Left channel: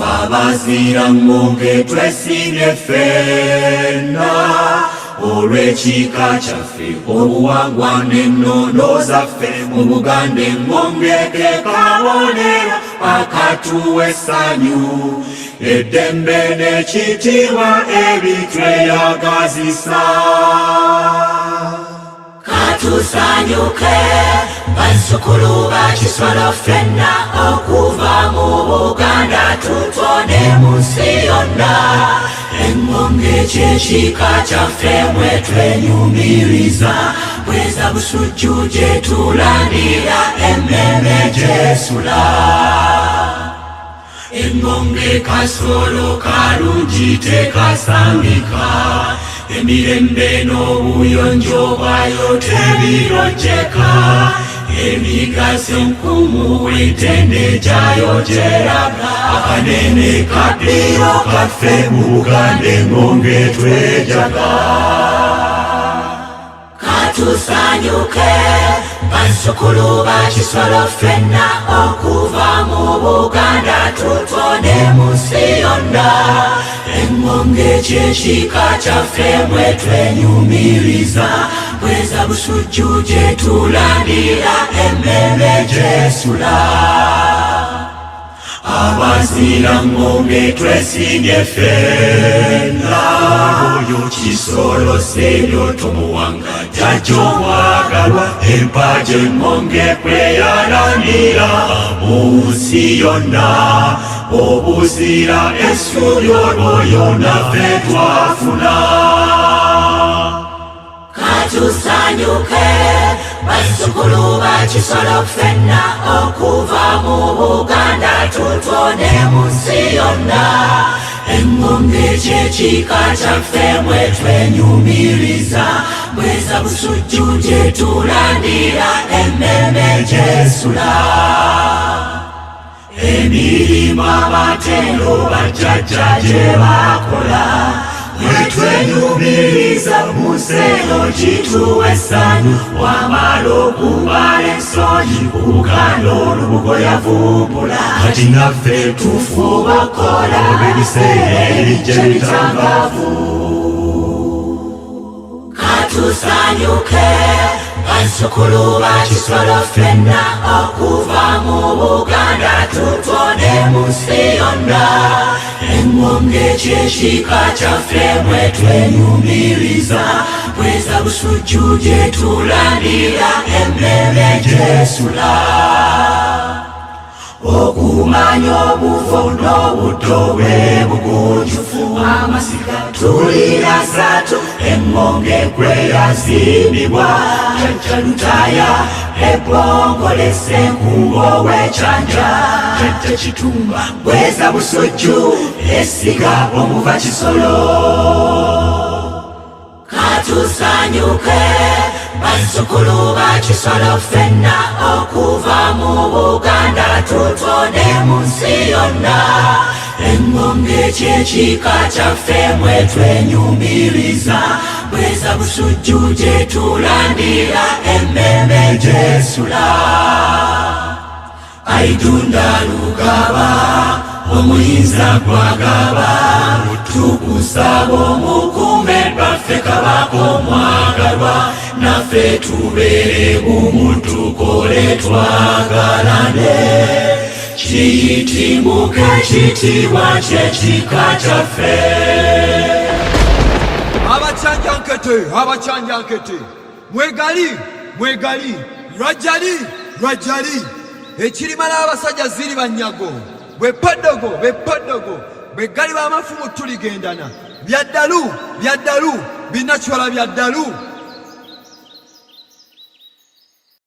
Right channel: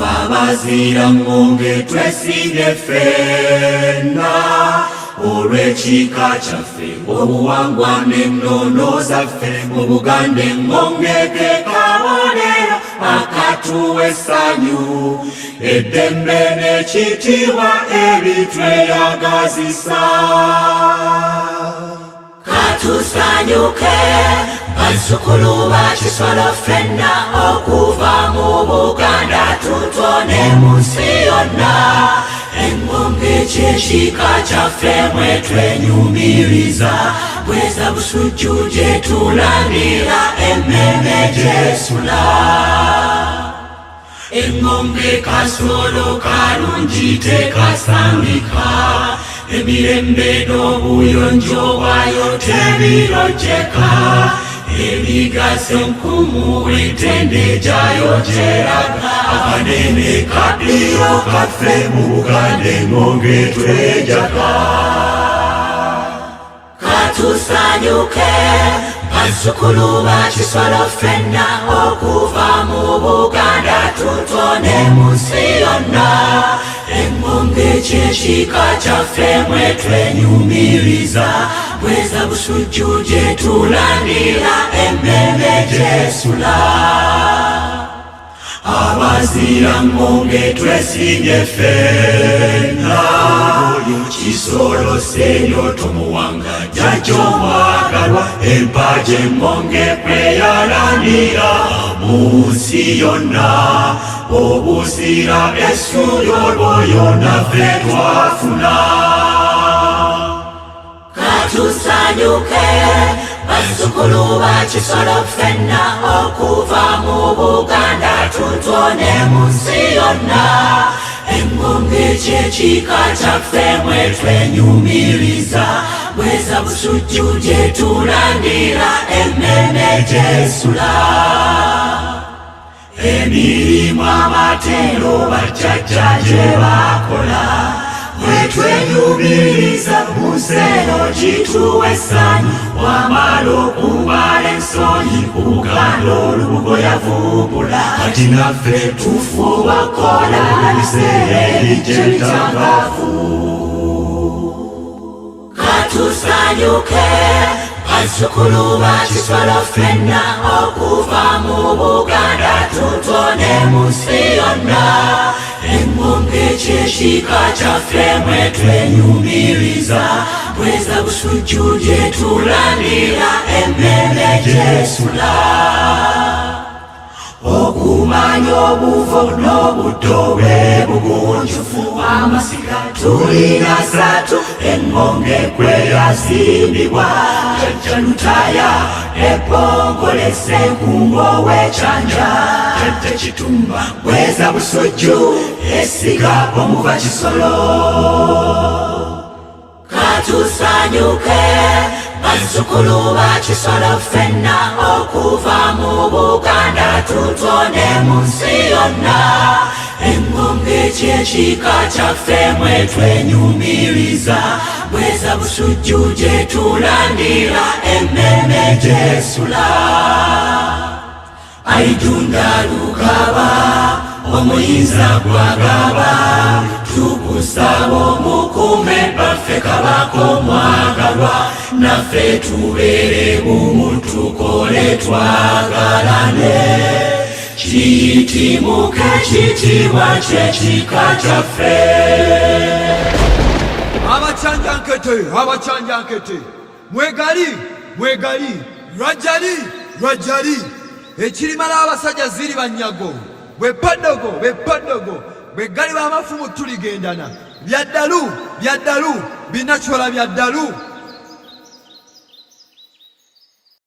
Fabazira ngonge twesinye ffenna olw'ekika kyaffe obuwangwa n'ennono zaffe mu Buganda engonge ke kabonero akatuwa essanyu eddembe n'ekitiibwa ebitweyagazisa. Katusanyuke bazzukulu ba Kisolo ffenna okuva mu Buganda tutone mu nsi yonna. Engonge ky'ekika kyaffe mwe twenyumiriza bweza busujju gye tulandira emmeme gy'esula. Engonge kasolo kalungi tekasangika emirembe n'obuyonjo bwayo tebirojjeka emigaso enkumu etende gyayo gyeraga akanene kaddiro kaffe mu Buganda engonge twejaga. Katusanyuke bazzukulu ba Kisolo ffenna okuva mu Buganda tutone mu nsi yonna. Engonge ky'ekika kyaffe mwe twenyumiriza bweza busujju gye tulandira emmeme gy'esula. Abazira ngonge twesinye ffenna oyo Kisolo Seryoto Muwanga jjajja omwagalwa empagi engonge kweyalandira mu nsi yonna. Obuzira essuubi olwo naffe twafuna. Katusanyuke bazzukulu ba Kisolo ffenna okuva mu Buganda tutone mu nsi yonna. Engonge ky'ekika kyaffe mwe twenyumiriza bweza busujju gye tulandira emmeme gy'esula. Emirimu abatendo bajjajja gye bakola mwe twenyumiriza mu nseno gituwa essanyu. Wamala okubala ensonyi ku Buganda olubugo yavumbula kati naffe tufuba kola ebiseera ebijja ebitangaavu. Katusanyuke bazzukulu ba Kisolo ffenna okuva mu Buganda tutone mu nsi yonna. Engonge ky'ekika kyaffe mwe twenyumiriza bweza busujju gye tulandira emmeme gy'esula. Okumanya obuvo n'obuddo bwe bugunjufu amasika tulina satu engonge kwe yazimbibwa. Jjajja Lutaya ebongole Ssenkungo w'Ekyanja Jjajja Kitumba bweza busujju esiga omuva Kisolo. Katusanyuke bazzukulu ba Kisolo ffenna okuva mu Buganda tutone mu nsi yonna. Engonge ky'ekika kyaffe mwe twenyumiriza bweza busujju gye tulandira emmeme gy'esula. Aidunda Lugaba omuyinza gwagaba tukusaba omukume baffe Kabaka omwagalwa naffe tubeere bumu tukole twagalane. Kiyitimuke ekitiibwa ky'ekika kyaffe. Abacyanjankete mwegali lwajjali ekirimala abasajja ziri banyago bwe paddogo bwe gali b'amafumu tuligendana byaddalu binakyola byaddalu